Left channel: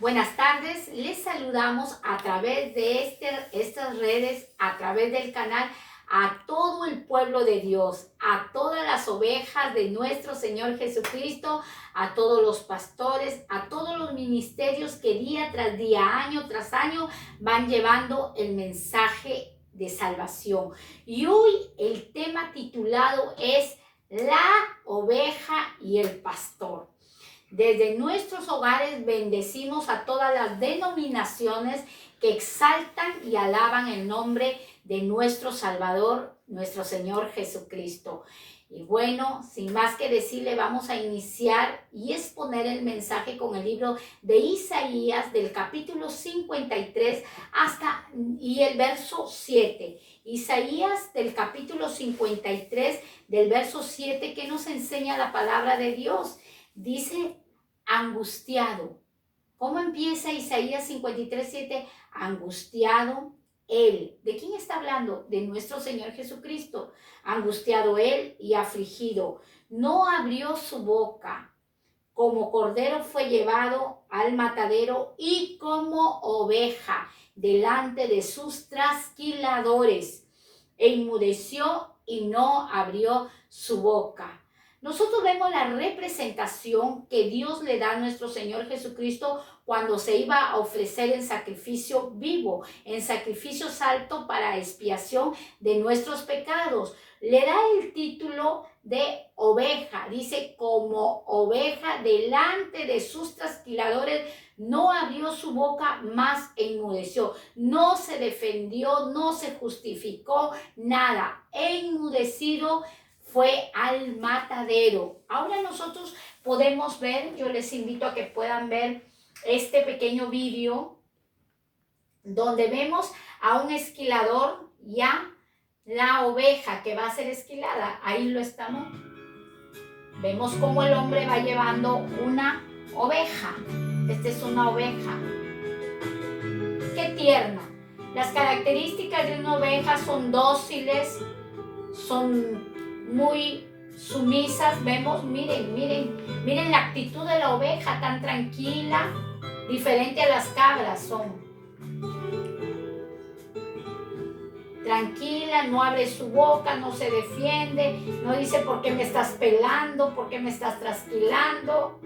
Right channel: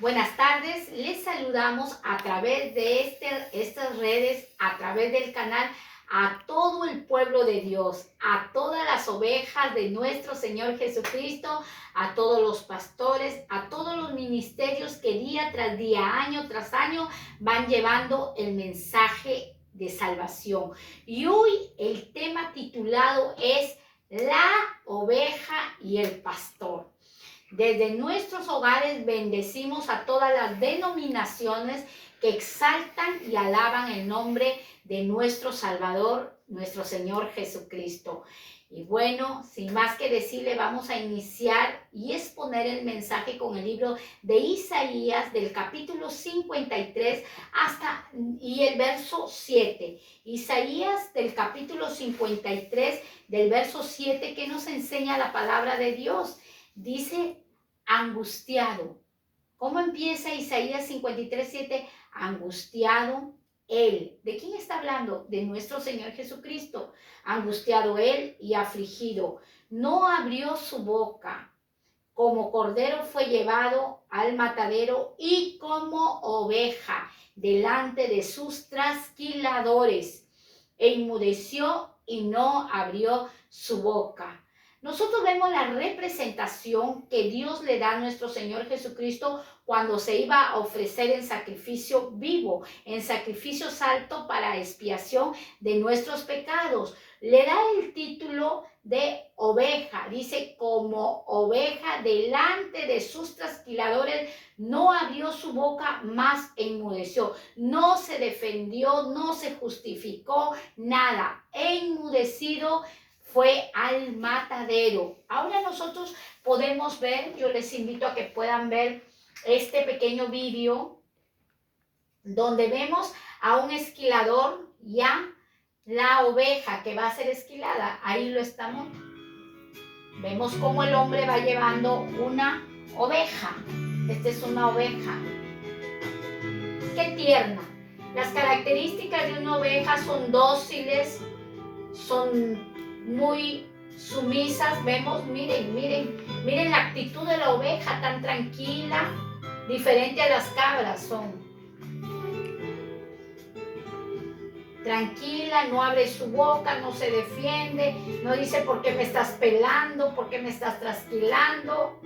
Buenas tardes, les saludamos a través de estas redes, a través del canal, a todo el pueblo de Dios, a todas las ovejas de nuestro Señor Jesucristo, a todos los pastores, a todos los ministerios que día tras día, año tras año, van llevando el mensaje de salvación. Y hoy el tema titulado es La oveja y el pastor. Desde nuestros hogares bendecimos a todas las denominaciones que exaltan y alaban el nombre de nuestro Salvador, nuestro Señor Jesucristo. Y bueno, sin más que decirle, vamos a iniciar y exponer el mensaje con el libro de Isaías del capítulo 53 y el verso 7. Isaías del capítulo 53 del verso 7, que nos enseña la palabra de Dios. Dice: angustiado. ¿Cómo empieza Isaías 53:7? Angustiado él. ¿De quién está hablando? De nuestro Señor Jesucristo. Angustiado él y afligido. No abrió su boca. Como cordero fue llevado al matadero y como oveja delante de sus trasquiladores. E inmudeció y no abrió su boca. Nosotros vemos la representación que Dios le da a nuestro Señor Jesucristo cuando se iba a ofrecer en sacrificio vivo, en sacrificio santo para expiación de nuestros pecados. Le da el título de oveja. Dice: como oveja delante de sus trasquiladores, no abrió su boca, más enmudeció. No se defendió, no se justificó, nada. Enmudecido fue al matadero. Ahora nosotros podemos ver, yo les invito a que puedan ver este pequeño vídeo donde vemos a un esquilador, ya la oveja que va a ser esquilada. Ahí lo estamos. Vemos cómo el hombre va llevando una oveja. Esta es una oveja. Qué tierna. Las características de una oveja son dóciles, son muy sumisas. Vemos, miren la actitud de la oveja, tan tranquila, diferente a las cabras. Son tranquila, no abre su boca, no se defiende, no dice por qué me estás pelando, por qué me estás trasquilando.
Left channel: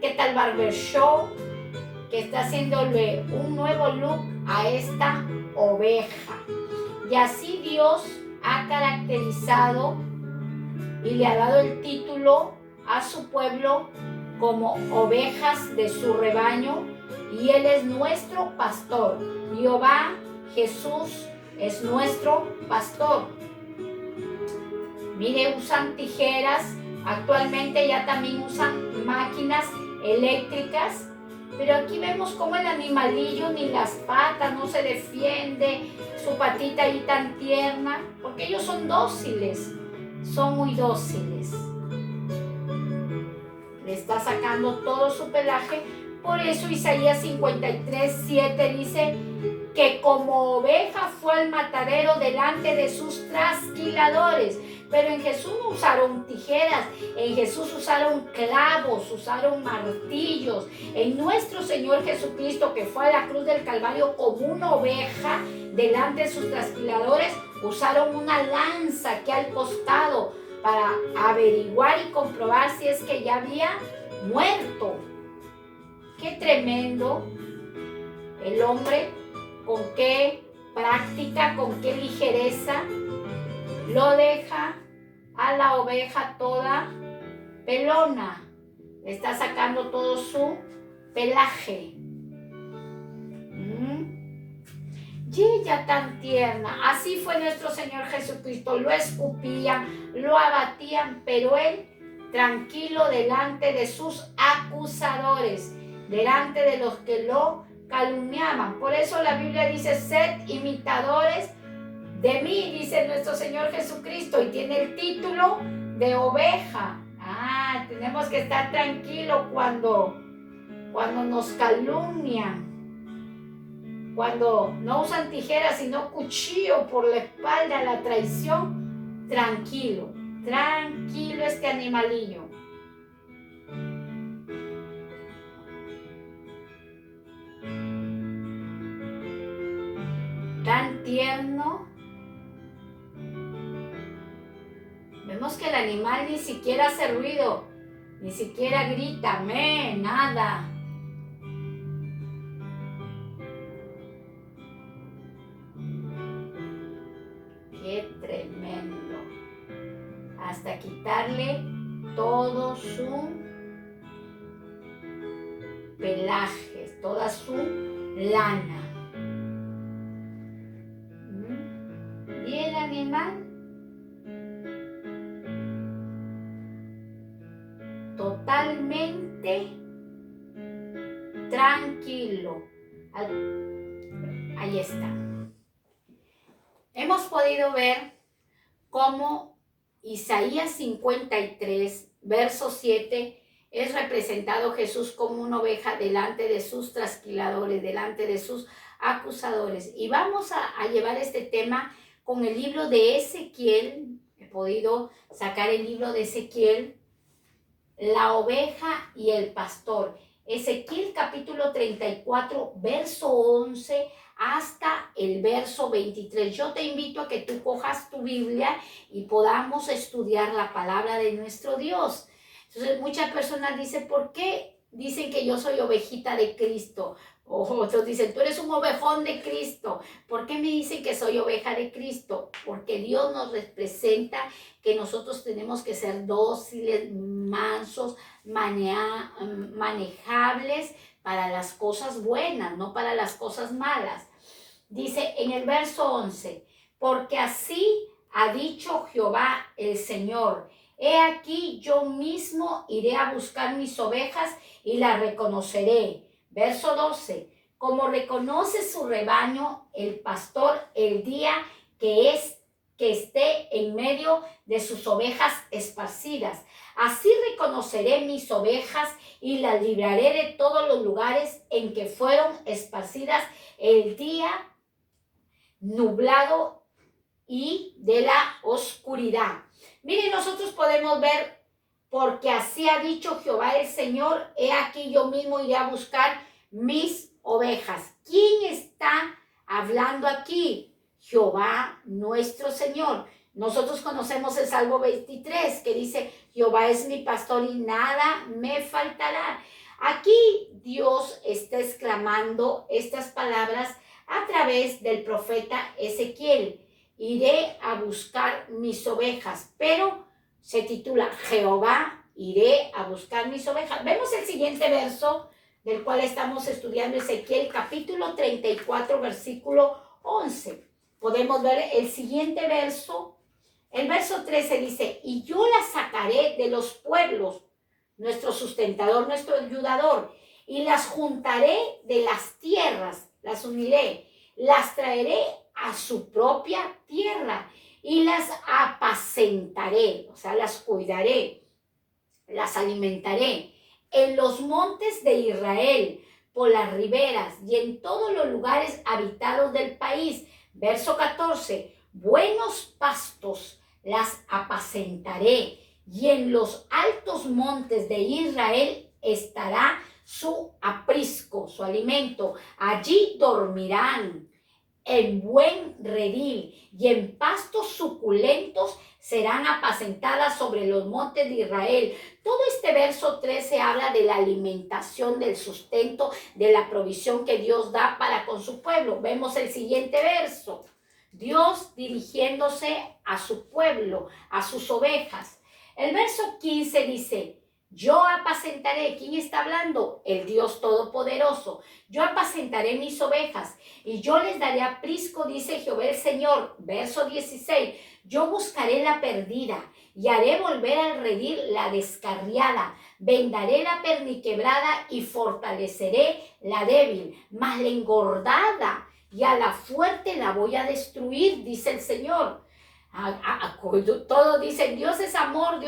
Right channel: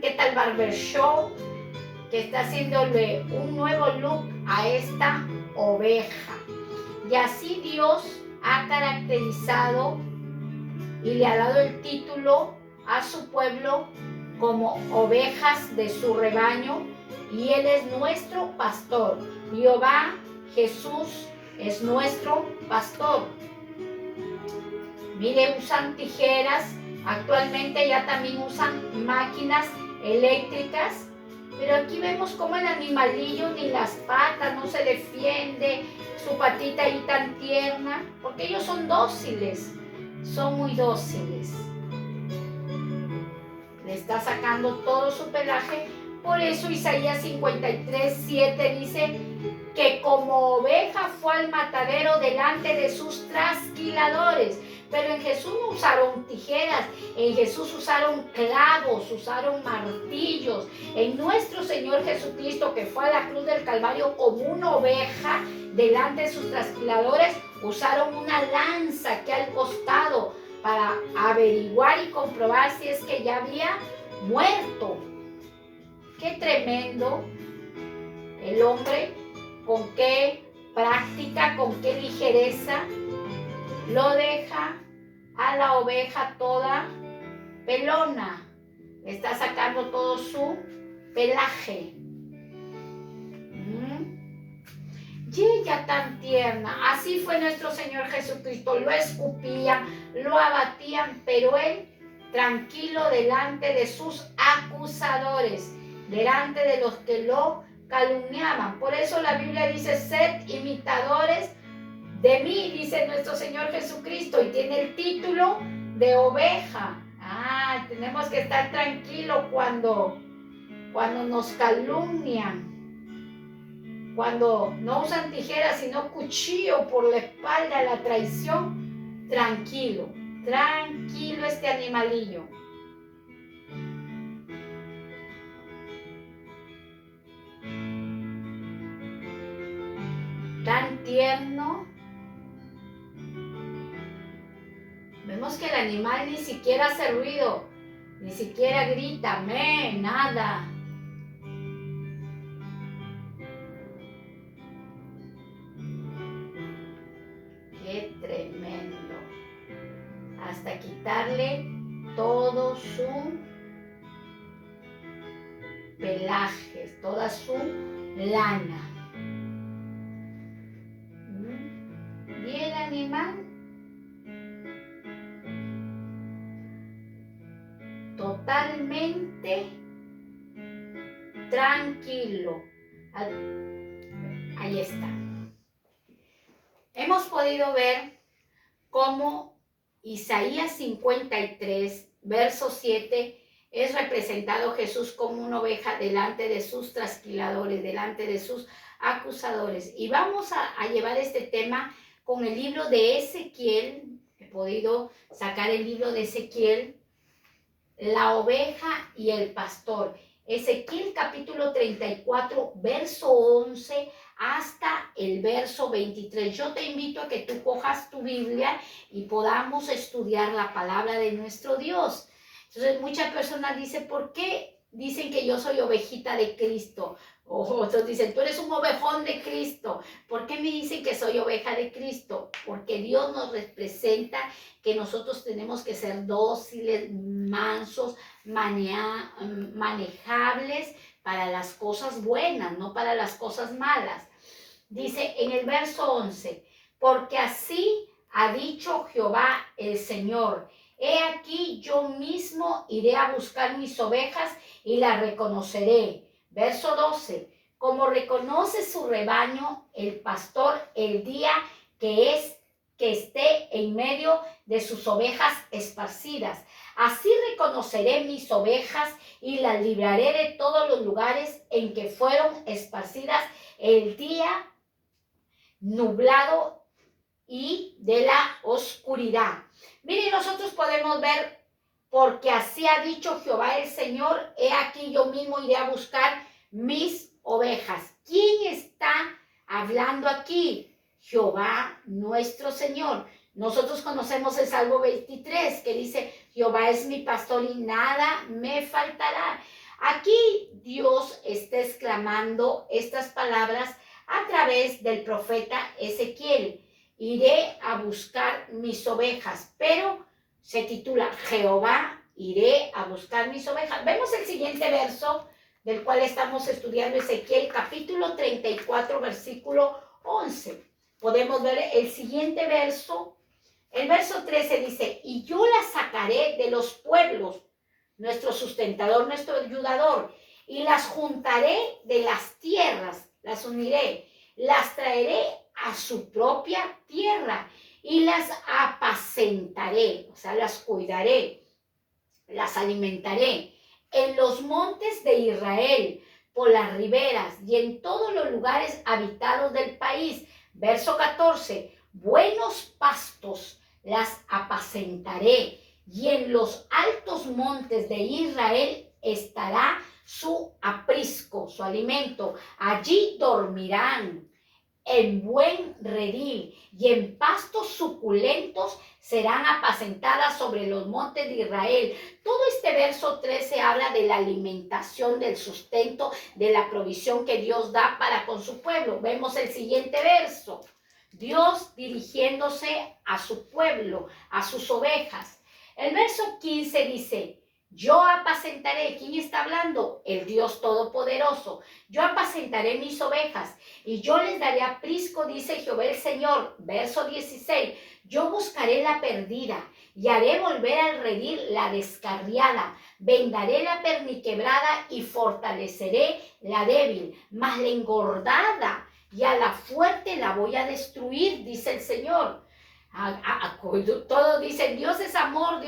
¿Qué tal barber show? Que está haciéndole un nuevo look a esta oveja. Y así Dios ha caracterizado y le ha dado el título a su pueblo como ovejas de su rebaño, y Él es nuestro pastor. Jehová, Jesús, es nuestro pastor. Mire, usan tijeras, actualmente ya también usan máquinas eléctricas, pero aquí vemos cómo el animalillo ni las patas, no se defiende, su patita ahí tan tierna, porque ellos son dóciles, son muy dóciles. Le está sacando todo su pelaje. Por eso Isaías 53:7 dice que como oveja fue al matadero delante de sus trasquiladores. Pero en Jesús no usaron tijeras, en Jesús usaron clavos, usaron martillos. En nuestro Señor Jesucristo, que fue a la cruz del Calvario como una oveja delante de sus trasquiladores, usaron una lanza aquí al costado para averiguar y comprobar si es que ya había muerto. Qué tremendo el hombre, con qué práctica, con qué ligereza lo deja a la oveja toda pelona. Le está sacando todo su pelaje. Y ella tan tierna. Así fue nuestro Señor Jesucristo. Lo escupían, lo abatían, pero Él tranquilo delante de sus acusadores, delante de los que lo calumniaban. Por eso la Biblia dice: sed imitadores de mí, dice nuestro Señor Jesucristo, y tiene el título de oveja. Tenemos que estar tranquilos cuando nos calumnian, cuando no usan tijeras sino cuchillo por la espalda, la traición. Tranquilo este animalillo. tierno. Vemos que el animal ni siquiera hace ruido, ni siquiera grita, nada. Qué tremendo. Hasta quitarle todo su pelaje, toda su lana. Y el animal totalmente tranquilo. Ahí está. Hemos podido ver cómo Isaías 53, verso 7, es representado Jesús como una oveja delante de sus trasquiladores, delante de sus acusadores. Y vamos a llevar este tema con el libro de Ezequiel. He podido sacar el libro de Ezequiel, la oveja y el pastor. Ezequiel capítulo 34, verso 11 hasta el verso 23. Yo te invito a que tú cojas tu Biblia y podamos estudiar la palabra de nuestro Dios. Entonces muchas personas dicen, ¿por qué dicen que yo soy ovejita de Cristo? O otros dicen, tú eres un ovejón de Cristo. ¿Por qué me dicen que soy oveja de Cristo? Porque Dios nos representa que nosotros tenemos que ser dóciles, mansos, manejables para las cosas buenas, no para las cosas malas. Dice en el verso 11, porque así ha dicho Jehová el Señor, he aquí yo mismo iré a buscar mis ovejas y las reconoceré. Verso 12, como reconoce su rebaño el pastor el día que esté en medio de sus ovejas esparcidas. Así reconoceré mis ovejas y las libraré de todos los lugares en que fueron esparcidas el día nublado y de la oscuridad. Miren, nosotros podemos ver, porque así ha dicho Jehová el Señor, he aquí yo mismo iré a buscar mis ovejas. ¿Quién está hablando aquí? Jehová nuestro Señor. Nosotros conocemos el Salmo 23 que dice, Jehová es mi pastor y nada me faltará. Aquí Dios está exclamando estas palabras a través del profeta Ezequiel. Iré a buscar mis ovejas, pero se titula Jehová, iré a buscar mis ovejas. Vemos el siguiente verso del cual estamos estudiando, Ezequiel capítulo 34, versículo 11. Podemos ver el siguiente verso. El verso 13 dice, y yo las sacaré de los pueblos, nuestro sustentador, nuestro ayudador, y las juntaré de las tierras, las uniré, las traeré a su propia tierra y las apacentaré, o sea, las cuidaré, las alimentaré en los montes de Israel, por las riberas y en todos los lugares habitados del país. Verso 14, buenos pastos las apacentaré y en los altos montes de Israel estará su aprisco, su alimento. Allí dormirán en buen redil y en pastos suculentos serán apacentadas sobre los montes de Israel. Todo este verso 13 habla de la alimentación, del sustento, de la provisión que Dios da para con su pueblo. Vemos el siguiente verso. Dios dirigiéndose a su pueblo, a sus ovejas. El verso 15 dice, yo apacentaré. ¿Quién está hablando? El Dios Todopoderoso. Yo apacentaré mis ovejas y yo les daré aprisco, dice Jehová el Señor. Verso 16. Yo buscaré la perdida y haré volver al redil la descarriada. Vendaré la perniquebrada y fortaleceré la débil. Mas la engordada y a la fuerte la voy a destruir, dice el Señor. Todos dicen, Dios es amor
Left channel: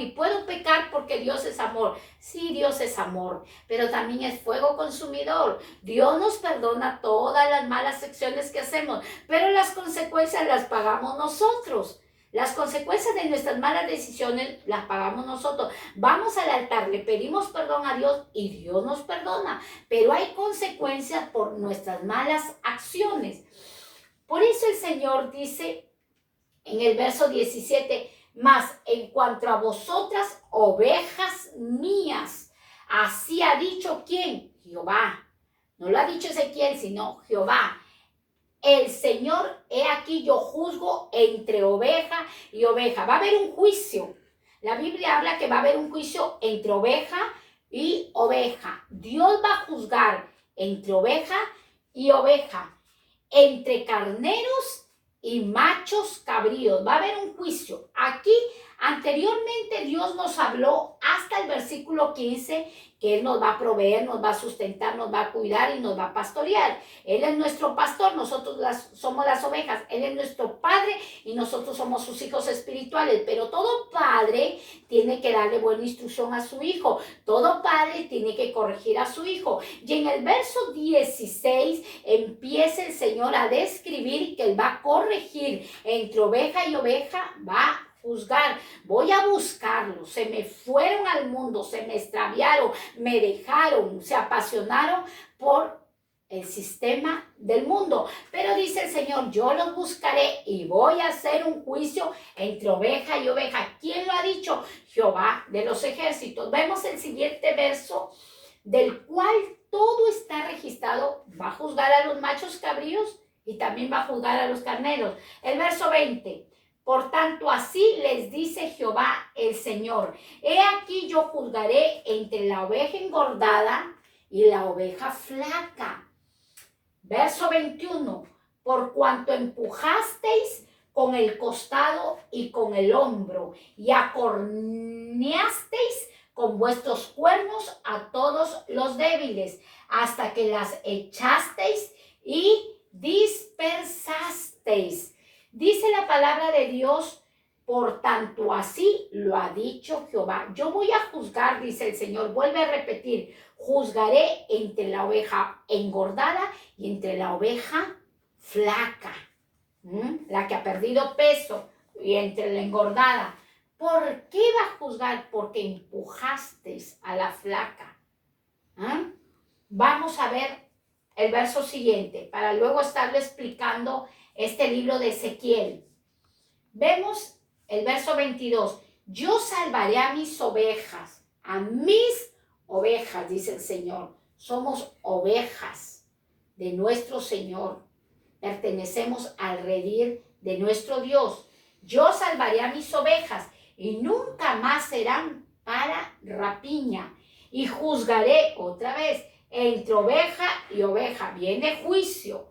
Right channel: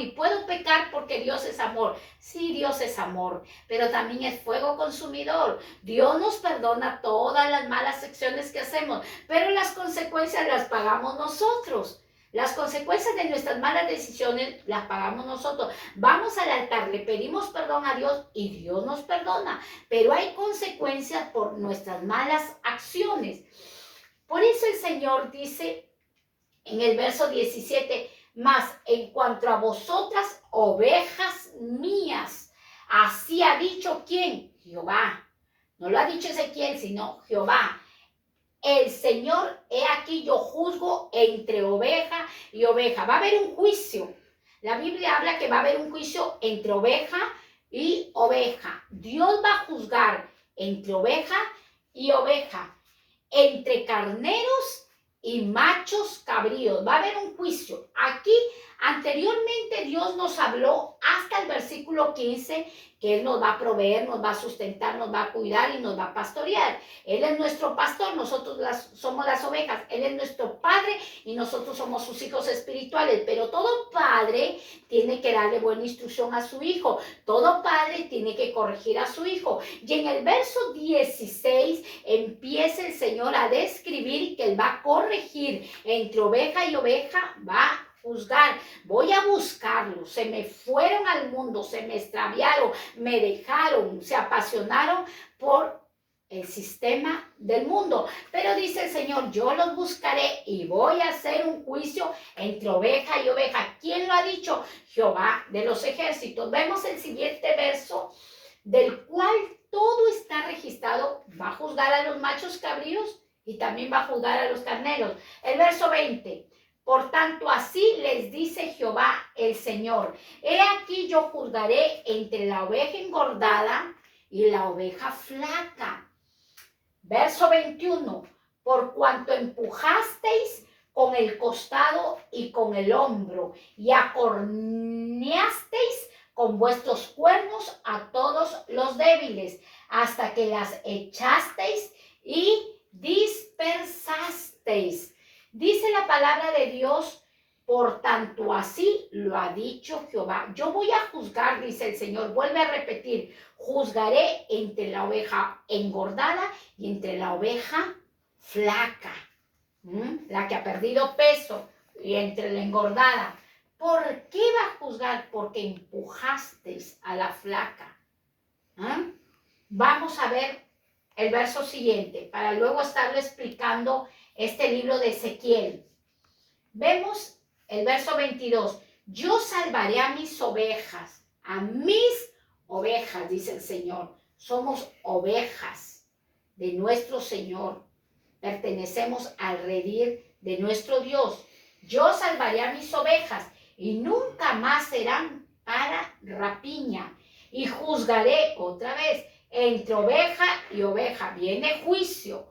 y puedo pecar porque Dios es amor. Sí, Dios es amor, pero también es fuego consumidor. Dios nos perdona todas las malas acciones que hacemos, pero las consecuencias las pagamos nosotros. Las consecuencias de nuestras malas decisiones las pagamos nosotros. Vamos al altar, le pedimos perdón a Dios y Dios nos perdona, pero hay consecuencias por nuestras malas acciones. Por eso el Señor dice en el verso 17, mas en cuanto a vosotras, ovejas mías, así ha dicho ¿quién? Jehová. No lo ha dicho Ezequiel, sino Jehová. El Señor, he aquí yo juzgo entre oveja y oveja. Va a haber un juicio. La Biblia habla que va a haber un juicio entre oveja y oveja. Dios va a juzgar entre oveja y oveja, entre carneros y machos cabríos. Va a haber un juicio. Aquí anteriormente Dios nos habló hasta el versículo 15 que Él nos va a proveer, nos va a sustentar, nos va a cuidar y nos va a pastorear. Él es nuestro pastor, nosotros somos las ovejas. Él es nuestro padre y nosotros somos sus hijos espirituales. Pero todo padre tiene que darle buena instrucción a su hijo. Todo padre tiene que corregir a su hijo. Y en el verso 16 empieza el Señor a describir que Él va a corregir entre oveja y oveja, va a juzgar. Voy a buscarlos. Se me fueron al mundo, se me extraviaron, me dejaron, se apasionaron por el sistema del mundo. Pero dice el Señor, yo los buscaré y voy a hacer un juicio entre oveja y oveja. ¿Quién lo ha dicho? Jehová de los ejércitos. Vemos el siguiente verso, del cual todo está registrado. Va a juzgar a los machos cabríos y también va a juzgar a los carneros. El verso 20. Por tanto, así les dice Jehová el Señor. He aquí yo juzgaré entre la oveja engordada y la oveja flaca. Verso 21. Por cuanto empujasteis con el costado y con el hombro y acorneasteis con vuestros cuernos a todos los débiles, hasta que las echasteis y dispersasteis. Dice la palabra de Dios, por tanto así lo ha dicho Jehová. Yo voy a juzgar, dice el Señor, vuelve a repetir, juzgaré entre la oveja engordada y entre la oveja flaca, la que ha perdido peso, y entre la engordada. ¿Por qué va a juzgar? Porque empujasteis a la flaca. Vamos a ver el verso siguiente, para luego estarle explicando este libro de Ezequiel. Vemos el verso 22. Yo salvaré a mis ovejas, dice el Señor. Somos ovejas de nuestro Señor. Pertenecemos al redil de nuestro Dios. Yo salvaré a mis ovejas y nunca más serán para rapiña. Y juzgaré otra vez entre oveja y oveja. Viene juicio.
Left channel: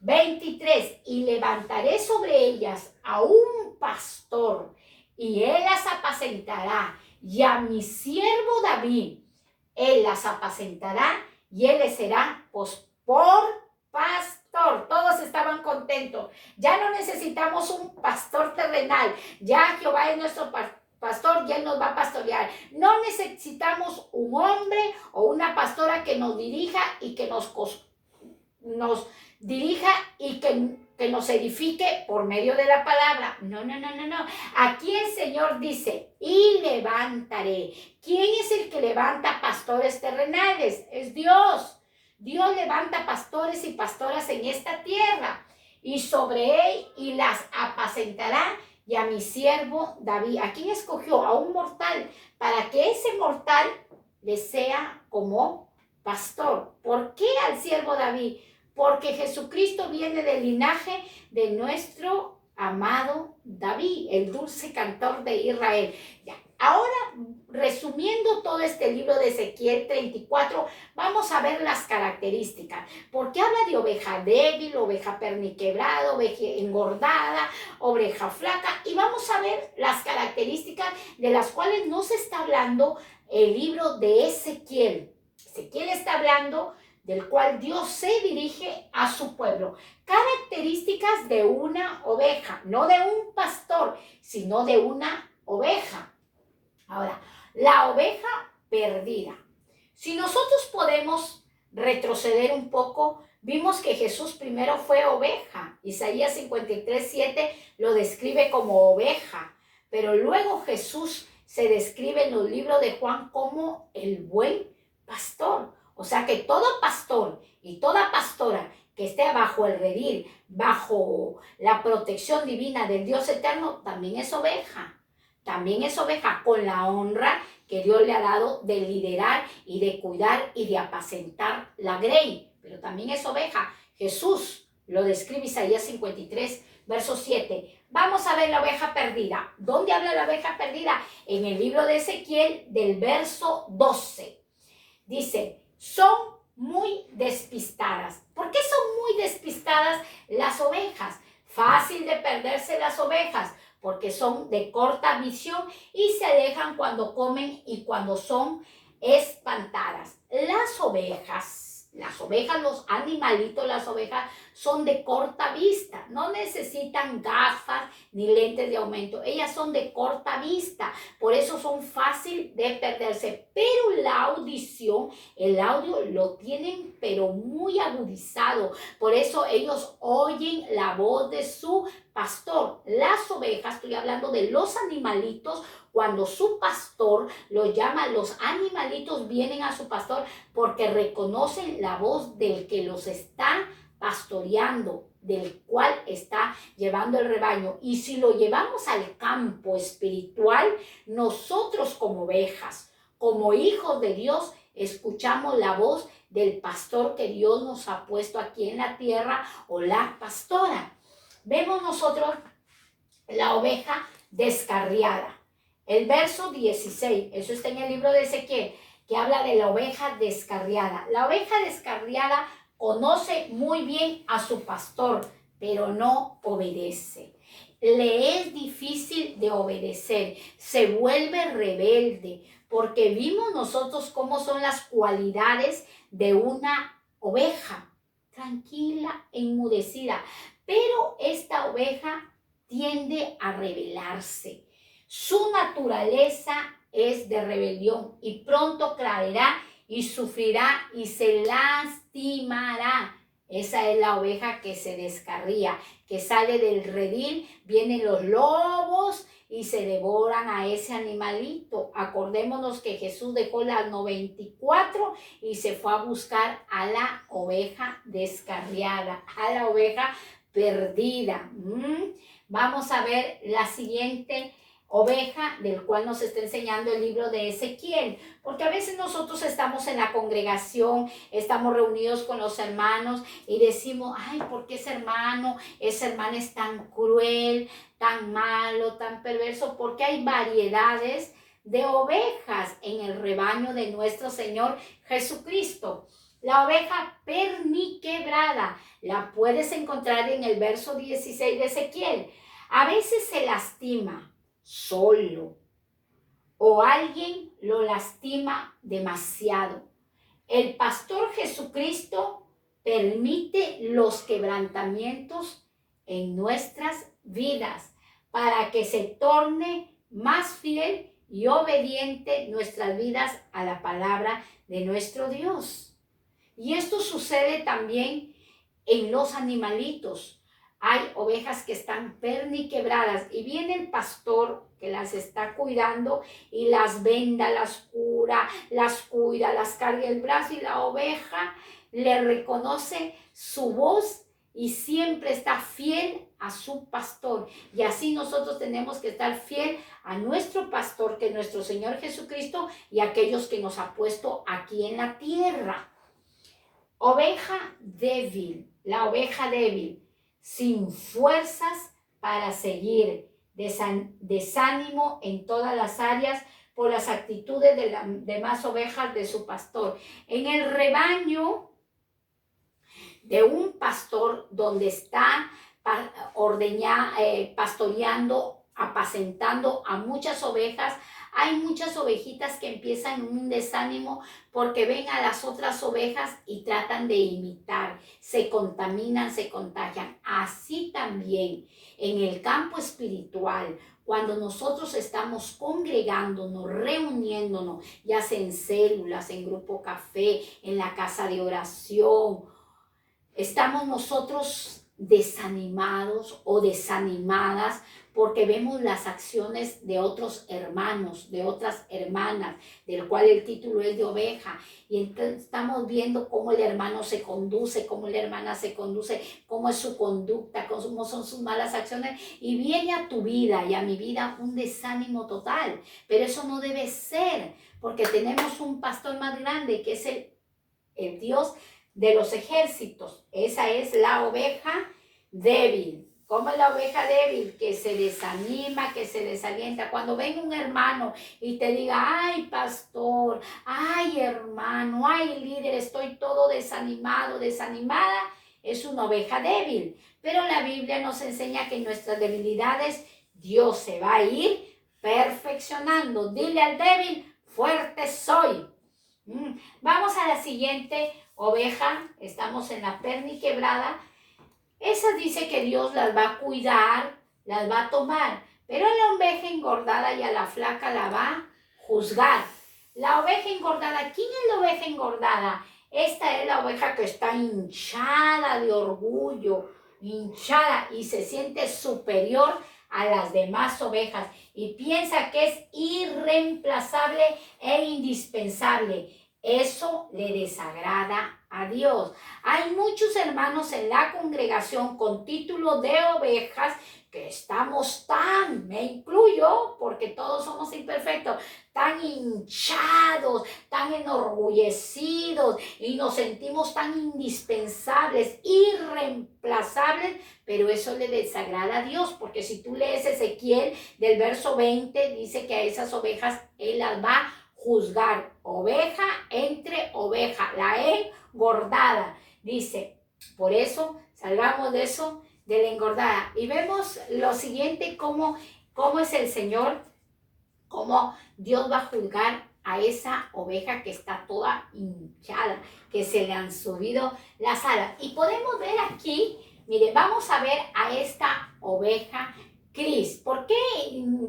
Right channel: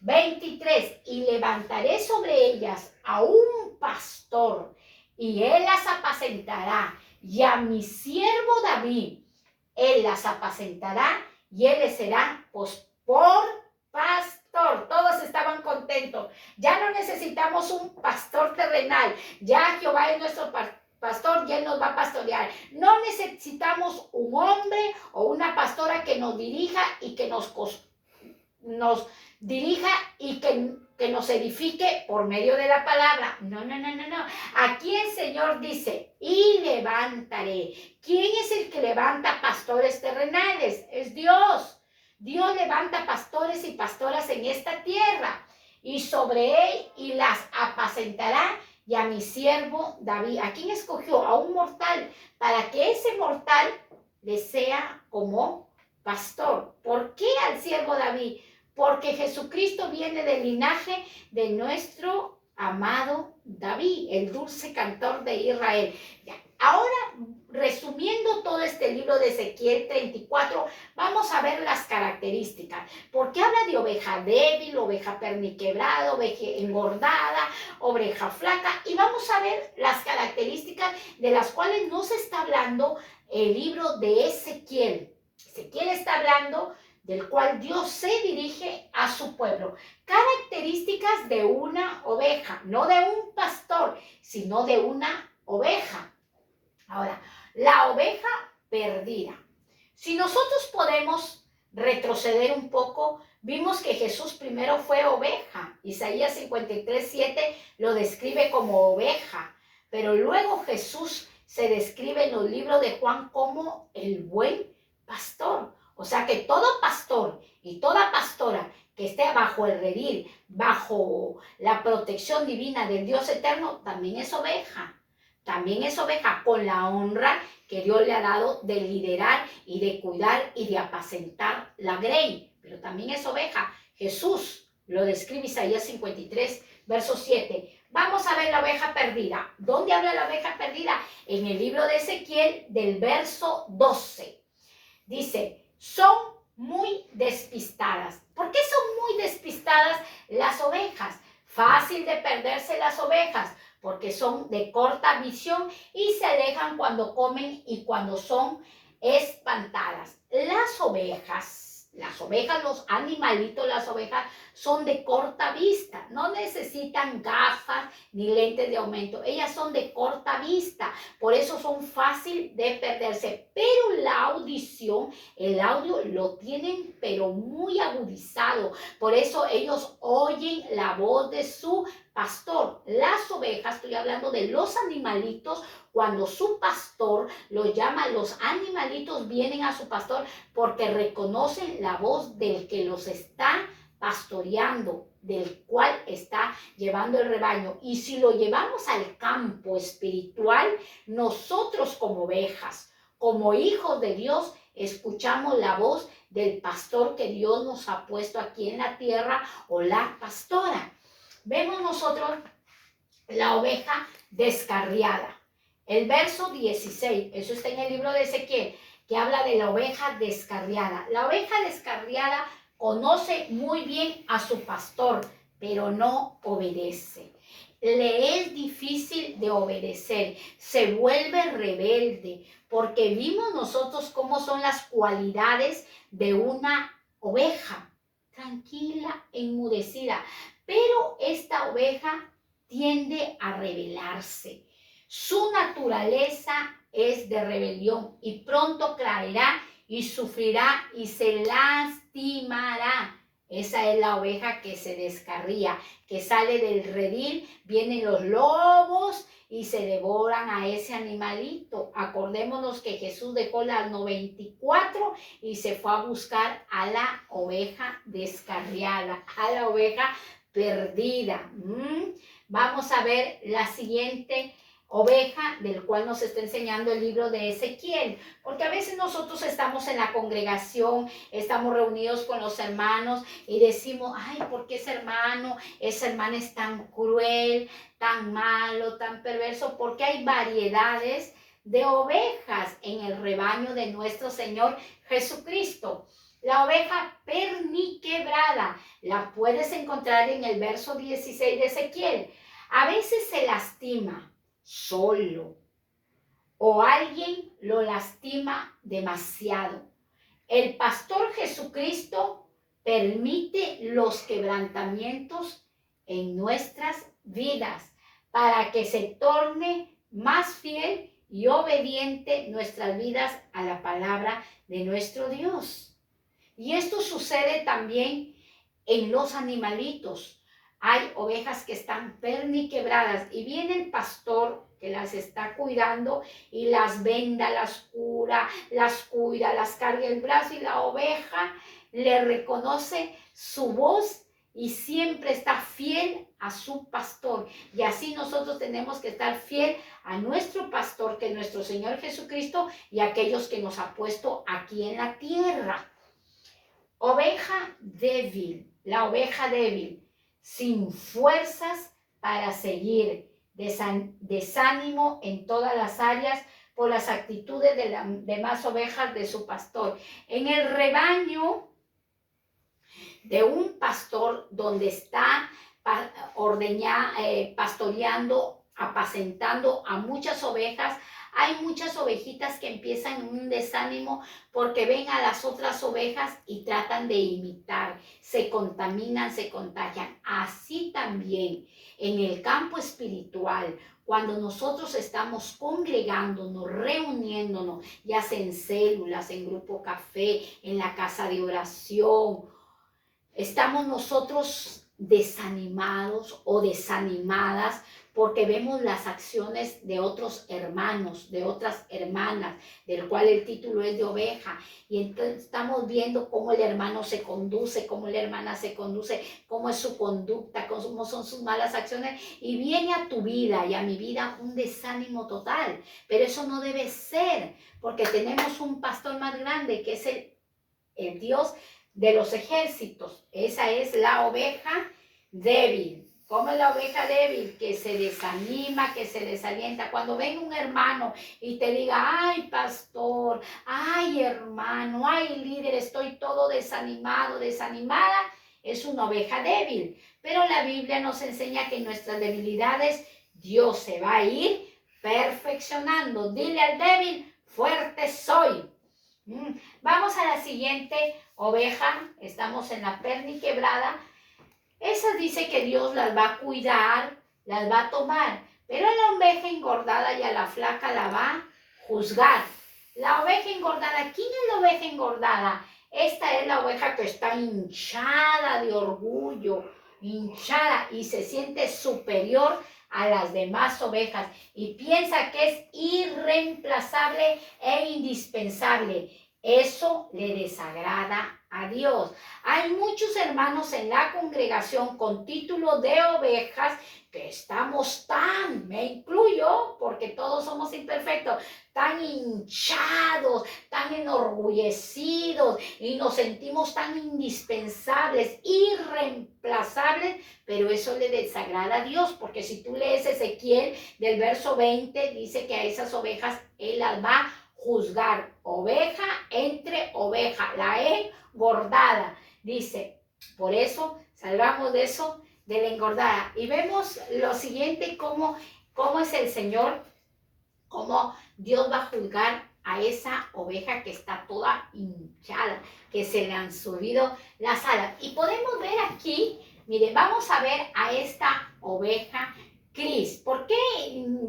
23. Y levantaré sobre ellas a un pastor, y él las apacentará, y a mi siervo David, él las apacentará, y él les será pues, por pastor. Todos estaban contentos. Ya no necesitamos un pastor terrenal. Ya Jehová es nuestro pastor y él nos va a pastorear. No necesitamos un hombre o una pastora que nos dirija y que nos dirija y que nos edifique por medio de la palabra. No. Aquí el Señor dice, y levantaré. ¿Quién es el que levanta pastores terrenales? Es Dios. Dios levanta pastores y pastoras en esta tierra. Y sobre él y las apacentará, y a mi siervo David. ¿A quién escogió? A un mortal, para que ese mortal le sea como pastor. ¿Por qué al siervo David? Porque Jesucristo viene del linaje de nuestro amado David, el dulce cantor de Israel. Ya. Ahora, resumiendo todo este libro de Ezequiel 34, vamos a ver las características. Porque habla de oveja débil, oveja perniquebrada, oveja engordada, oveja flaca. Y vamos a ver las características de las cuales nos está hablando el libro de Ezequiel. Ezequiel está hablando del cual Dios se dirige a su pueblo. Características de una oveja, no de un pastor, sino de una oveja. Ahora, la oveja perdida. Si nosotros podemos retroceder un poco, vimos que Jesús primero fue oveja. Isaías 53:7 lo describe como oveja, pero luego Jesús se describe en los libros de Juan como el buen pastor. O sea que todo pastor y toda pastora que que esté bajo el redil, bajo la protección divina del Dios eterno, también es oveja. También es oveja con la honra que Dios le ha dado de liderar y de cuidar y de apacentar la grey. Pero también es oveja. Jesús lo describe Isaías 53, verso 7. Vamos a ver la oveja perdida. ¿Dónde habla la oveja perdida? En el libro de Ezequiel del verso 12. Dice, son muy despistadas. ¿Por qué son muy despistadas las ovejas? Fácil de perderse las ovejas, porque son de corta visión y se alejan cuando comen y cuando son espantadas. Las ovejas, los animalitos, las ovejas son de corta vista, no necesitan gafas ni lentes de aumento, ellas son de corta vista, por eso son fácil de perderse, pero la audición, el audio lo tienen pero muy agudizado, por eso ellos oyen la voz de su pastor. Las ovejas, estoy hablando de los animalitos, cuando su pastor los llama, los animalitos vienen a su pastor porque reconocen la voz del que los está pastoreando, del cual está llevando el rebaño. Y si lo llevamos al campo espiritual, nosotros como ovejas, como hijos de Dios, escuchamos la voz del pastor que Dios nos ha puesto aquí en la tierra o la pastora. Vemos nosotros la oveja descarriada. El verso 16, eso está en el libro de Ezequiel, que habla de la oveja descarriada. La oveja descarriada conoce muy bien a su pastor, pero no obedece. Le es difícil de obedecer, se vuelve rebelde, porque vimos nosotros cómo son las cualidades de una oveja, tranquila, enmudecida, pero esta oveja tiende a rebelarse. Su naturaleza es de rebelión y pronto caerá y sufrirá y se lastimará. Esa es la oveja que se descarría, que sale del redil, vienen los lobos y se devoran a ese animalito. Acordémonos que Jesús dejó las 94 y se fue a buscar a la oveja descarriada, a la oveja perdida. Vamos a ver la siguiente oveja del cual nos está enseñando el libro de Ezequiel, porque a veces nosotros estamos en la congregación, estamos reunidos con los hermanos y decimos, ay, ¿por qué esa hermana es tan cruel, tan malo, tan perverso? Porque hay variedades de ovejas en el rebaño de nuestro Señor Jesucristo. La oveja perniquebrada la puedes encontrar en el verso 16 de Ezequiel. A veces se lastima solo o alguien lo lastima demasiado. El pastor Jesucristo permite los quebrantamientos en nuestras vidas para que se torne más fiel y obediente nuestras vidas a la palabra de nuestro Dios. Y esto sucede también en los animalitos. Hay ovejas que están perniquebradas y viene el pastor que las está cuidando y las venda, las cura, las cuida, las carga el brazo y la oveja le reconoce su voz y siempre está fiel a su pastor. Y así nosotros tenemos que estar fiel a nuestro pastor, que es nuestro Señor Jesucristo, y a aquellos que nos ha puesto aquí en la tierra. Oveja débil, la oveja débil, sin fuerzas para seguir, desánimo en todas las áreas por las actitudes de las demás ovejas de su pastor. En el rebaño de un pastor donde está pastoreando, apacentando a muchas ovejas, hay muchas ovejitas que empiezan un desánimo porque ven a las otras ovejas y tratan de imitar, se contaminan, se contagian. Así también en el campo espiritual, cuando nosotros estamos congregándonos, reuniéndonos, ya sea en células, en grupo café, en la casa de oración, estamos nosotros desanimados o desanimadas porque vemos las acciones de otros hermanos, de otras hermanas, del cual el título es de oveja. Y entonces estamos viendo cómo el hermano se conduce, cómo la hermana se conduce, cómo es su conducta, cómo son sus malas acciones. Y viene a tu vida y a mi vida un desánimo total. Pero eso no debe ser, porque tenemos un pastor más grande que es el Dios de los ejércitos. Esa es la oveja débil. ¿Cómo es la oveja débil? Que se desanima, que se desalienta. Cuando venga un hermano y te diga, ay pastor, ay hermano, ay líder, estoy todo desanimado, desanimada, es una oveja débil. Pero la Biblia nos enseña que en nuestras debilidades Dios se va a ir perfeccionando. Dile al débil, fuerte soy. Vamos a la siguiente oveja. Estamos en la perni quebrada. Esa dice que Dios las va a cuidar, las va a tomar, pero a la oveja engordada y a la flaca la va a juzgar. La oveja engordada, ¿quién es la oveja engordada? Esta es la oveja que está hinchada de orgullo, hinchada y se siente superior a las demás ovejas y piensa que es irreemplazable e indispensable. Eso le desagrada a Dios. Hay muchos hermanos en la congregación con título de ovejas que estamos me incluyo porque todos somos imperfectos, tan hinchados, tan enorgullecidos y nos sentimos tan indispensables, irreemplazables, pero eso le desagrada a Dios, porque si tú lees Ezequiel del verso 20, dice que a esas ovejas Él las va a juzgar, oveja entre oveja, la engordada. Dice, por eso salgamos de eso, de la engordada. Y vemos lo siguiente, cómo es el Señor, cómo Dios va a juzgar a esa oveja que está toda hinchada, que se le han subido las alas. Y podemos ver aquí, mire, vamos a ver a esta oveja Cris. ¿Por qué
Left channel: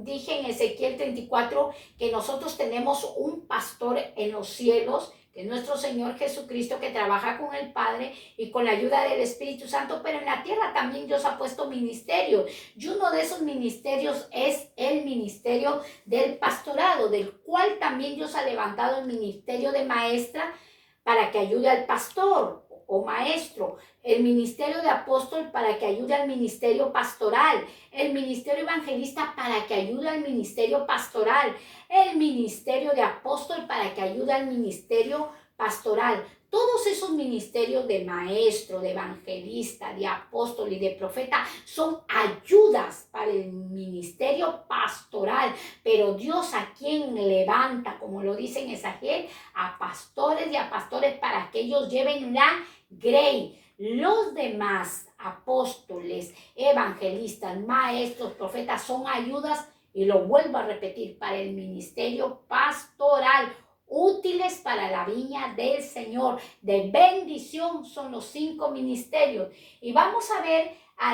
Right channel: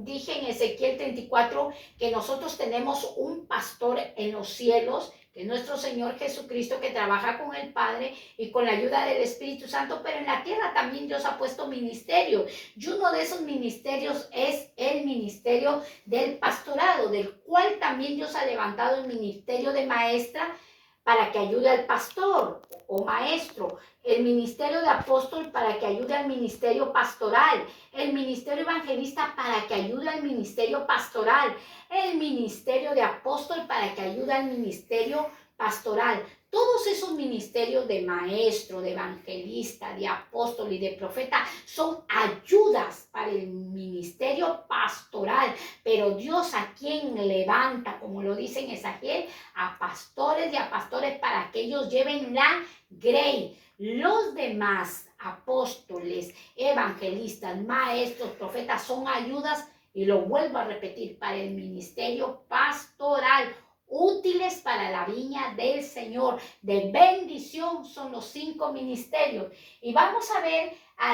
dije en Ezequiel 34 que nosotros tenemos un pastor en los cielos, que es nuestro Señor Jesucristo, que trabaja con el Padre y con la ayuda del Espíritu Santo, pero en la tierra también Dios ha puesto ministerio, y uno de esos ministerios es el ministerio del pastorado, del cual también Dios ha levantado el ministerio de maestra para que ayude al pastor o maestro, el ministerio de apóstol para que ayude al ministerio pastoral, el ministerio evangelista para que ayude al ministerio pastoral, el ministerio de apóstol para que ayude al ministerio pastoral. Todos esos ministerios de maestro, de evangelista, de apóstol y de profeta son ayudas para el ministerio pastoral, pero Dios a quien levanta, como lo dice en Ezequiel, a pastores y a pastores para que ellos lleven la grey. Los demás apóstoles, evangelistas, maestros, profetas son ayudas, y lo vuelvo a repetir, para el ministerio pastoral, útiles para la viña del Señor. De bendición son los 5 ministerios. Y vamos a ver a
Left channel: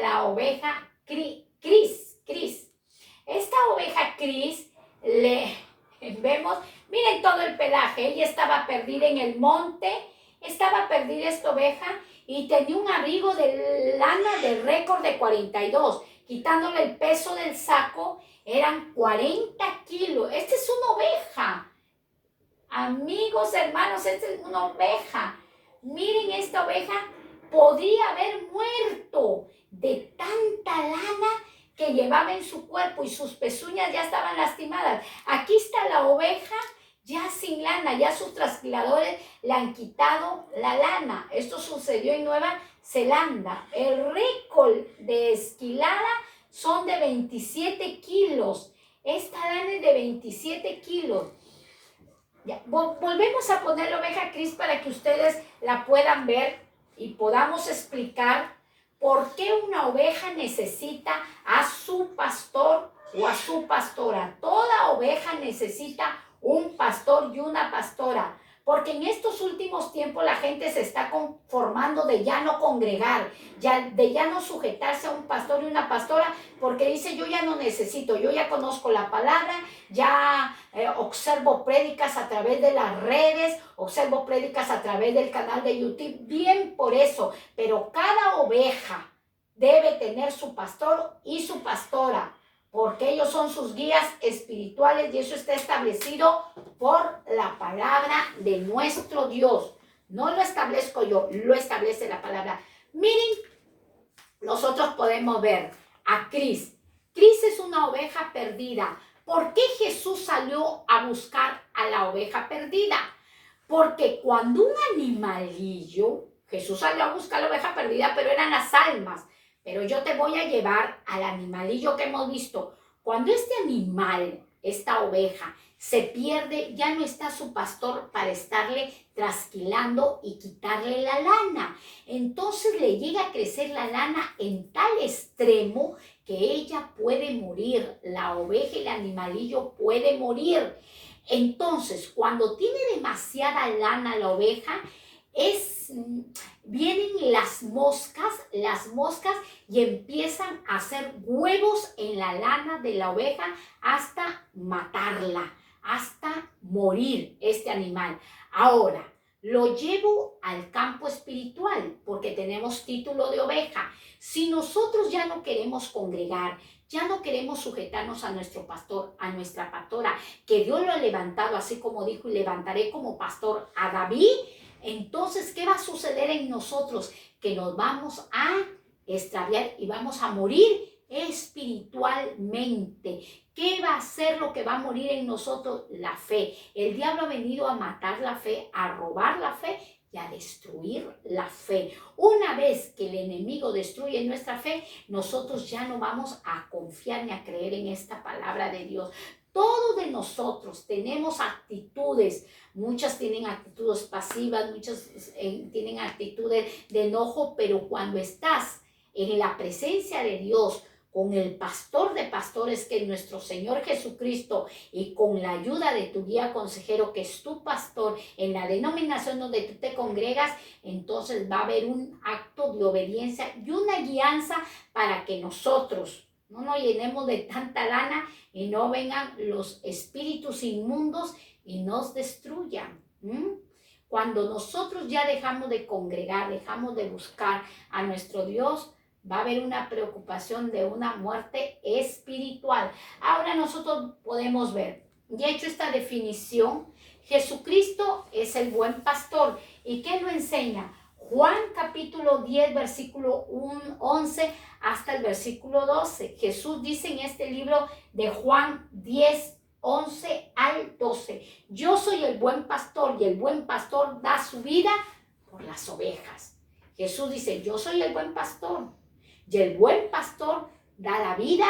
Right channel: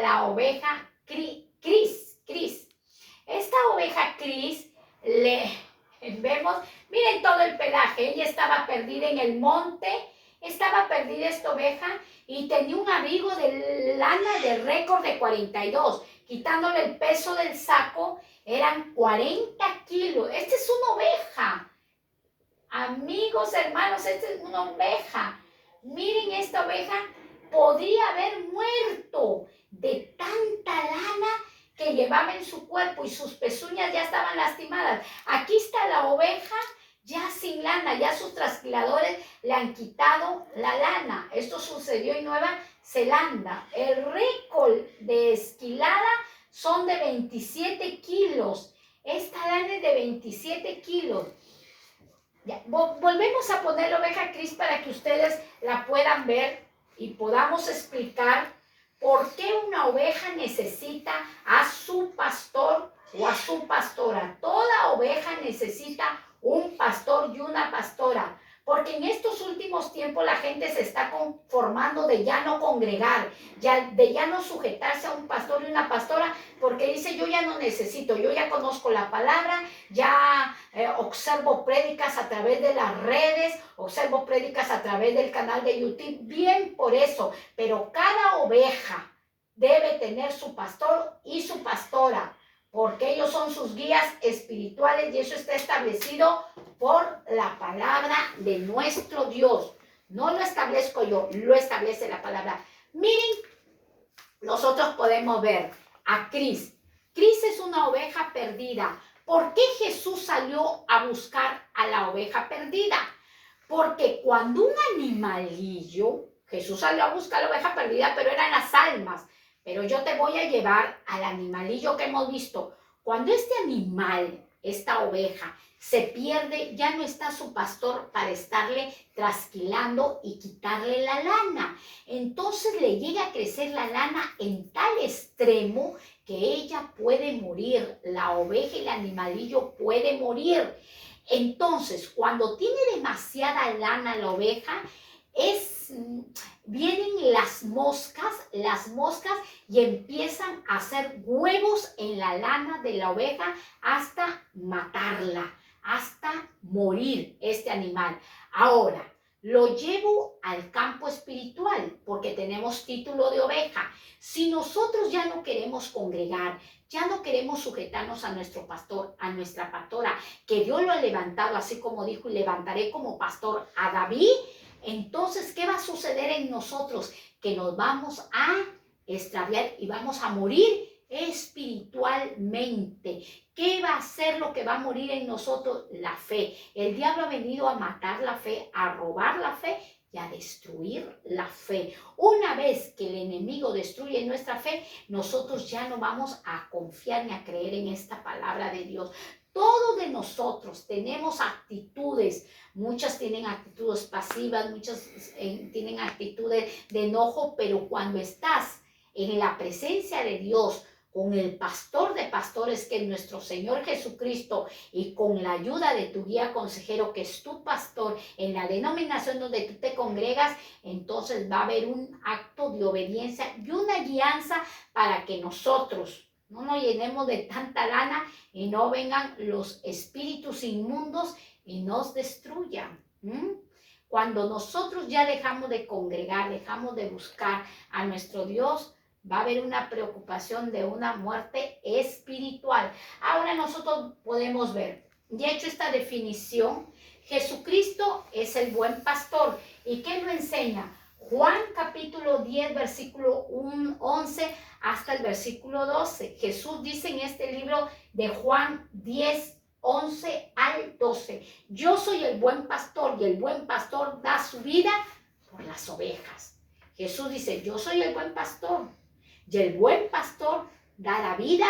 la oveja Cris. Esta oveja Cris, vemos, miren todo el pelaje. Ella estaba perdida en el monte, estaba perdida esta oveja y tenía un abrigo de lana de récord de 42. Quitándole el peso del saco, eran 40 kilos. Esta es una oveja. Amigos, hermanos, esta es una oveja. Miren, esta oveja podría haber muerto de tanta lana que llevaba en su cuerpo y sus pezuñas ya estaban lastimadas. Aquí está la oveja ya sin lana, ya sus trasquiladores le han quitado la lana. Esto sucedió en Nueva Zelanda. El récord de esquilada son de 27 kilos. Esta lana es de 27 kilos. Ya, volvemos a poner la oveja Cris para que ustedes la puedan ver y podamos explicar por qué una oveja necesita a su pastor o a su pastora. Toda oveja necesita un pastor y una pastora, porque en estos últimos tiempos la gente se está conformando de ya no congregar, de ya no sujetarse a un pastor y una pastora, porque dice, yo ya no necesito, yo ya conozco la palabra, ya observo prédicas a través de las redes, observo prédicas a través del canal de YouTube, bien por eso, pero cada oveja debe tener su pastor y su pastora, porque ellos son sus guías espirituales y eso está establecido por la palabra de nuestro Dios. No lo establezco yo, lo establece la palabra. Miren, nosotros podemos ver a Cris. Cris es una oveja perdida. ¿Por qué Jesús salió a buscar a la oveja perdida? Porque cuando un animalillo, Jesús salió a buscar a la oveja perdida, pero eran las almas. Pero yo te voy a llevar al animalillo que hemos visto. Cuando este animal, esta oveja, se pierde, ya no está su pastor para estarle trasquilando y quitarle la lana. Entonces le llega a crecer la lana en tal extremo que ella puede morir. La oveja y el animalillo puede morir. Entonces, cuando tiene demasiada lana la oveja, vienen las moscas y empiezan a hacer huevos en la lana de la oveja hasta matarla, hasta morir este animal. Ahora, lo llevo al campo espiritual porque tenemos título de oveja. Si nosotros ya no queremos congregar, ya no queremos sujetarnos a nuestro pastor, a nuestra pastora, que Dios lo ha levantado, así como dijo, y levantaré como pastor a David, entonces, ¿qué va a suceder en nosotros? Que nos vamos a extraviar y vamos a morir espiritualmente. ¿Qué va a ser lo que va a morir en nosotros? La fe. El diablo ha venido a matar la fe, a robar la fe y a destruir la fe. Una vez que el enemigo destruye nuestra fe, nosotros ya no vamos a confiar ni a creer en esta palabra de Dios. Todos de nosotros tenemos actitudes, muchas tienen actitudes pasivas, muchas tienen actitudes de enojo, pero cuando estás en la presencia de Dios, con el pastor de pastores que es nuestro Señor Jesucristo y con la ayuda de tu guía consejero que es tu pastor en la denominación donde tú te congregas, entonces va a haber un acto de obediencia y una guianza para que nosotros no nos llenemos de tanta lana y no vengan los espíritus inmundos y nos destruyan. Cuando nosotros ya dejamos de congregar, dejamos de buscar a nuestro Dios, va a haber una preocupación de una muerte espiritual. Ahora nosotros podemos ver, ya he hecho esta definición, Jesucristo es el buen pastor. ¿Y qué nos enseña? Juan capítulo 10, versículo 11 hasta el versículo 12. Jesús dice en este libro de Juan 10, 11 al 12. Yo soy el buen pastor y el buen pastor da su vida por las ovejas. Jesús dice, yo soy el buen pastor y el buen pastor da la vida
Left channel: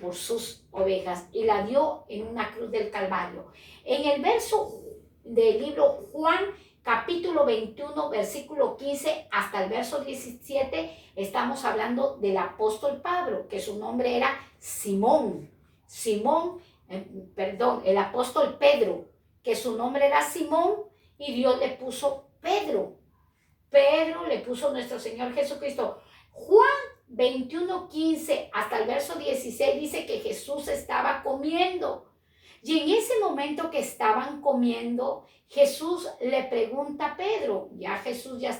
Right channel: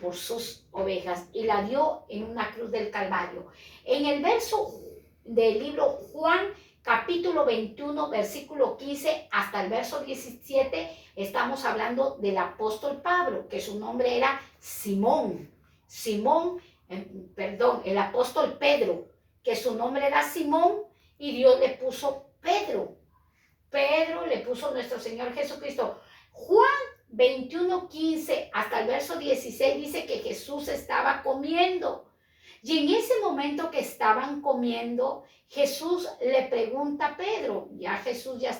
por sus ovejas y la dio en una cruz del Calvario. En el verso del libro Juan capítulo 21, versículo 15 hasta el verso 17, estamos hablando del apóstol Pablo, que su nombre era Simón. El apóstol Pedro, que su nombre era Simón y Dios le puso Pedro. Pedro le puso nuestro Señor Jesucristo. Juan 21, 15 hasta el verso 16 dice que Jesús estaba comiendo. Y en ese momento que estaban comiendo, Jesús le pregunta a Pedro, ya Jesús ya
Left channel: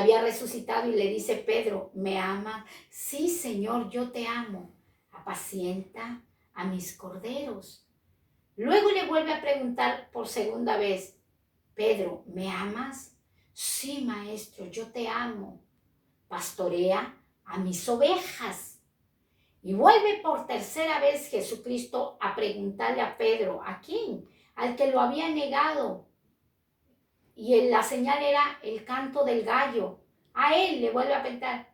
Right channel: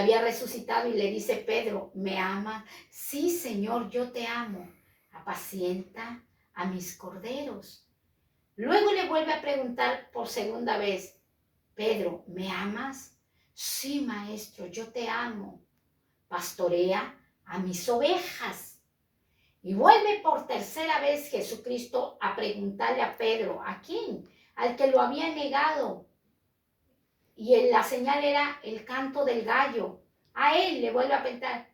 había resucitado y le dice, Pedro, ¿me amas? Sí, Señor, yo te amo. Apacienta a mis corderos. Luego le vuelve a preguntar por segunda vez, Pedro, ¿me amas? Sí, maestro, yo te amo. Pastorea a mis ovejas. Y vuelve por tercera vez Jesucristo a preguntarle a Pedro, ¿a quién? Al que lo había negado. Y la señal era el canto del gallo. A él le vuelve a preguntar,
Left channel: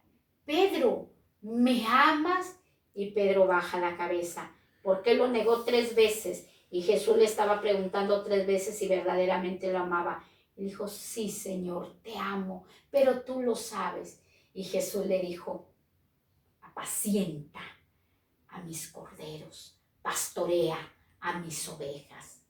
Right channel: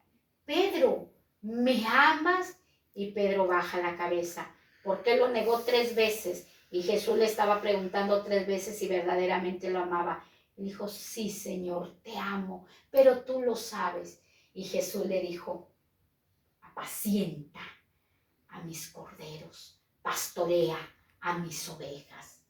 Pedro, ¿me amas? Y Pedro baja la cabeza, porque lo negó 3 veces. Y Jesús le estaba preguntando 3 veces si verdaderamente lo amaba. Y dijo, sí, Señor, te amo, pero tú lo sabes. Y Jesús le dijo, apacienta a mis corderos, pastorea a mis ovejas.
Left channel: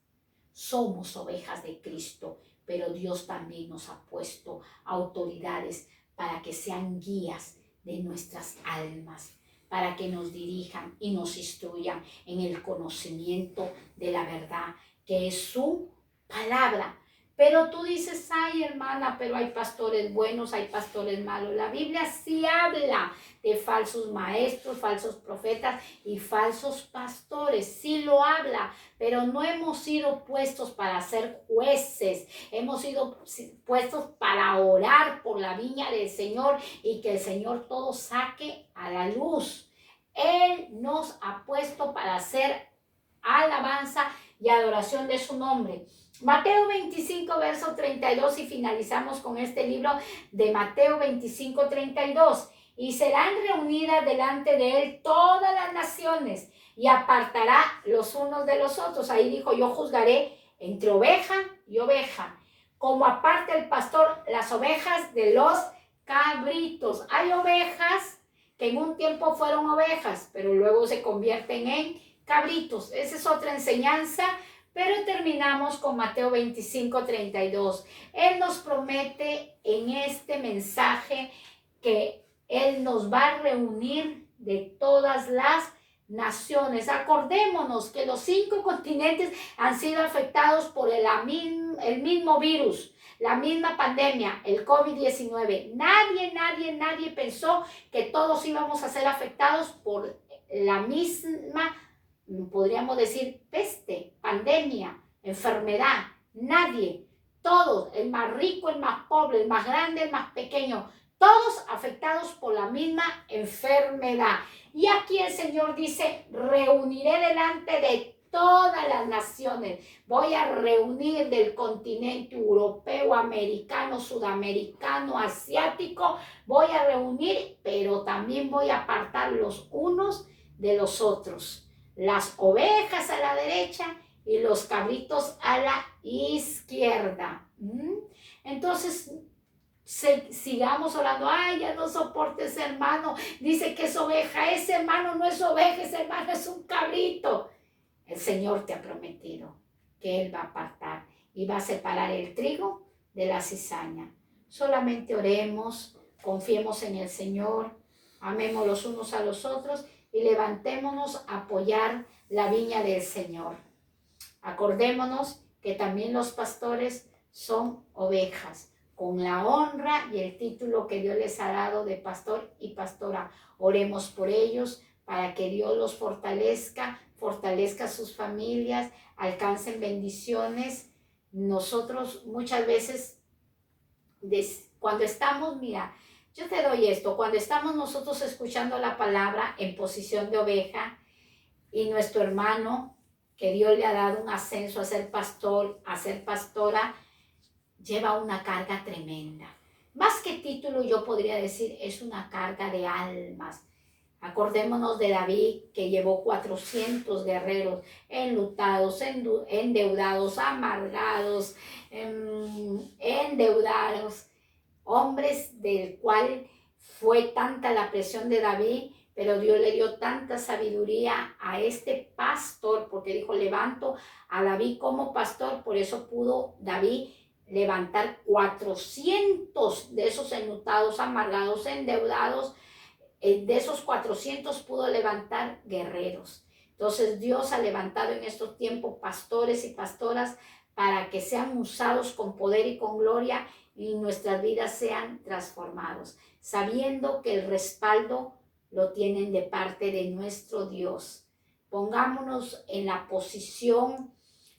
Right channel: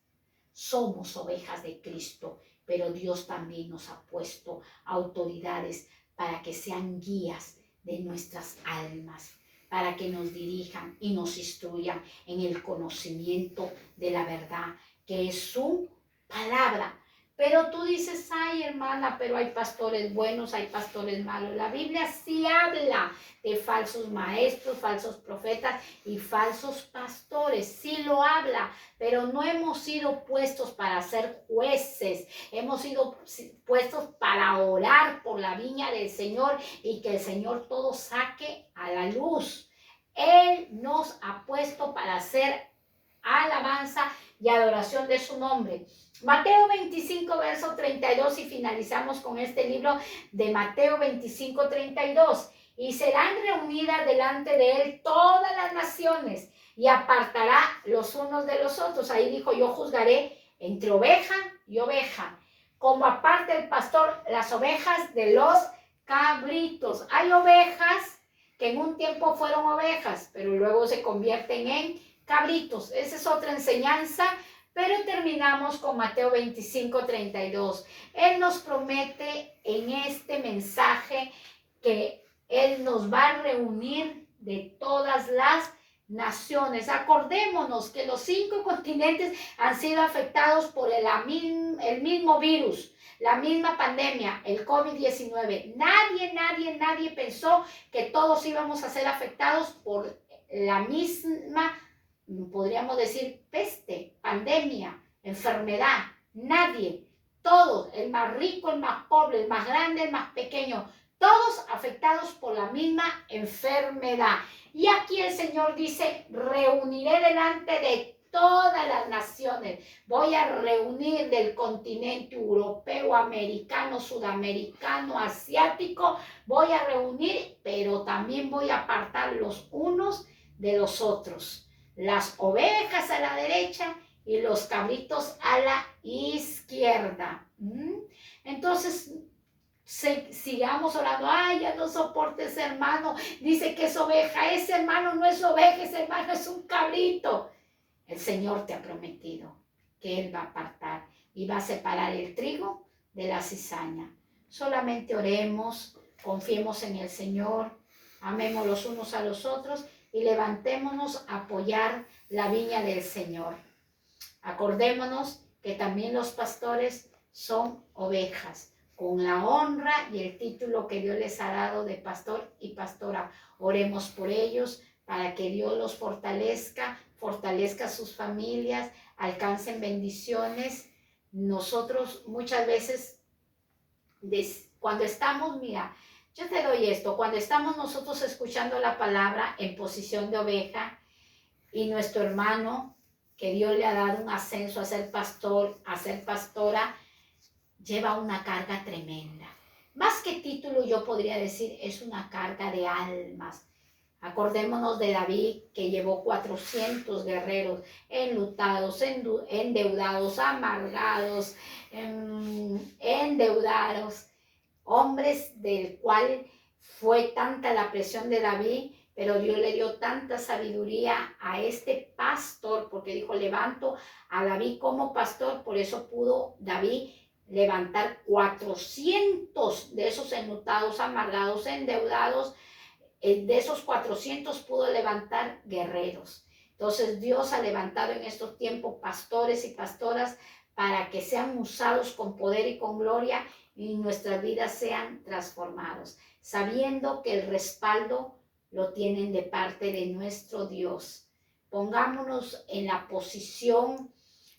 Somos ovejas de Cristo, pero Dios también nos ha puesto autoridades para que sean guías de nuestras almas, para que nos dirijan y nos instruyan en el conocimiento de la verdad, que es su palabra. Pero tú dices, ay hermana, pero hay pastores buenos, hay pastores malos. La Biblia sí habla de falsos maestros, falsos profetas y falsos pastores. Sí lo habla, pero no hemos sido puestos para ser jueces. Hemos sido puestos para orar por la viña del Señor y que el Señor todo saque a la luz. Él nos ha puesto para hacer alabanza y adoración de su nombre. Mateo 25, verso 32, y finalizamos con este libro de Mateo 25, 32. Y serán reunidas delante de él todas las naciones y apartará los unos de los otros. Ahí dijo, yo juzgaré entre oveja y oveja, como aparte el pastor las ovejas de los cabritos. Hay ovejas que en un tiempo fueron ovejas, pero luego se convierten en cabritos. Esa es otra enseñanza. Pero terminamos con Mateo 25, 32. Él nos promete en este mensaje que Él nos va a reunir de todas las naciones. Acordémonos que los 5 continentes han sido afectados por el mismo virus, la misma pandemia, el COVID-19. Nadie pensó que todos íbamos a ser afectados por la misma, podríamos decir, peste, pandemia, enfermedad. Nadie, todos, el más rico, el más pobre, el más grande, el más pequeño, todos afectados por la misma enfermedad. Y aquí el Señor dice, reuniré delante de todas las naciones. Voy a reunir del continente europeo, americano, sudamericano, asiático. Voy a reunir, pero también voy a apartar los unos de los otros. Las ovejas a la derecha y los cabritos a la izquierda. Entonces, sigamos orando. Ay, ya no soporte ese hermano. Dice que es oveja. Ese hermano no es oveja, ese hermano es un cabrito. El Señor te ha prometido que Él va a apartar y va a separar el trigo de la cizaña. Solamente oremos, confiemos en el Señor, amemos los unos a los otros y levantémonos a apoyar la viña del Señor. Acordémonos que también los pastores son ovejas, con la honra y el título que Dios les ha dado de pastor y pastora. Oremos por ellos para que Dios los fortalezca sus familias, alcancen bendiciones. Nosotros muchas veces, cuando estamos, mira, yo te doy esto, cuando estamos nosotros escuchando la palabra en posición de oveja y nuestro hermano, que Dios le ha dado un ascenso a ser pastor, a ser pastora, lleva una carga tremenda. Más que título, yo podría decir, es una carga de almas. Acordémonos de David, que llevó 400 guerreros enlutados, endeudados, amargados, endeudados, hombres del cual fue tanta la presión de David, pero Dios le dio tanta sabiduría a este pastor, porque dijo, levanto a David como pastor. Por eso pudo David levantar 400 de esos enlutados, amargados, endeudados. De esos 400 pudo levantar guerreros. Entonces Dios ha levantado en estos tiempos pastores y pastoras para que sean usados con poder y con gloria y nuestras vidas sean transformados, sabiendo que el respaldo lo tienen de parte de nuestro Dios. Pongámonos en la posición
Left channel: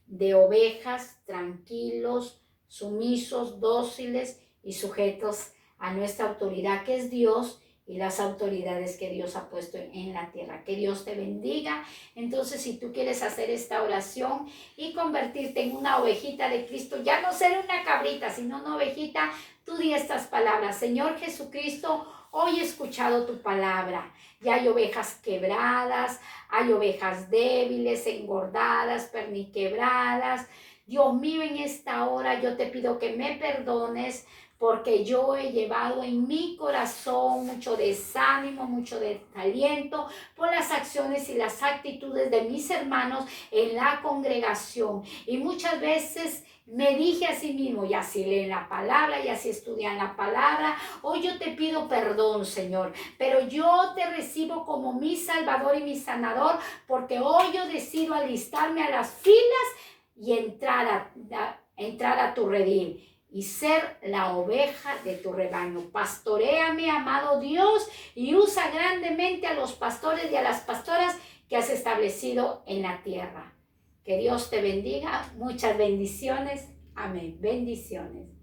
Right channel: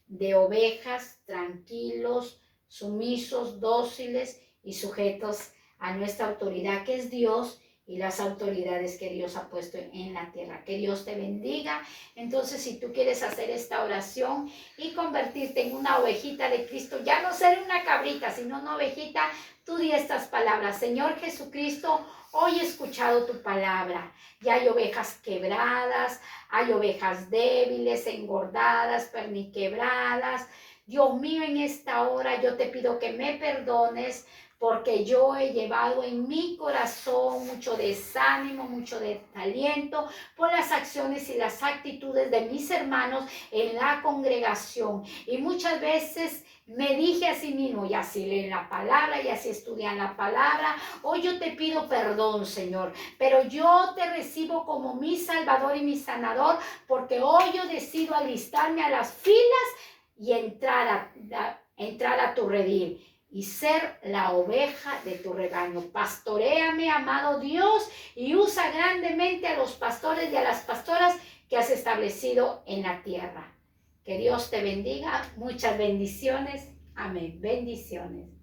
de ovejas, tranquilos, sumisos, dóciles y sujetos a nuestra autoridad, que es Dios, y las autoridades que Dios ha puesto en la tierra. Que Dios te bendiga. Entonces, si tú quieres hacer esta oración y convertirte en una ovejita de Cristo, ya no ser una cabrita, sino una ovejita, tú di estas palabras. Señor Jesucristo, hoy he escuchado tu palabra. Ya hay ovejas quebradas, hay ovejas débiles, engordadas, perniquebradas. Dios mío, en esta hora yo te pido que me perdones, porque yo he llevado en mi corazón mucho desánimo, mucho desaliento por las acciones y las actitudes de mis hermanos en la congregación. Y muchas veces me dije a sí mismo, y así leen la palabra, y así estudian la palabra, hoy yo te pido perdón, Señor, pero yo te recibo como mi Salvador y mi Sanador, porque hoy yo decido alistarme a las filas y entrar entrar a tu redil y ser la oveja de tu rebaño. Pastoréame, amado Dios, y usa grandemente a los pastores y a las pastoras que has establecido en la tierra. Que Dios te bendiga. Muchas bendiciones. Amén. Bendiciones.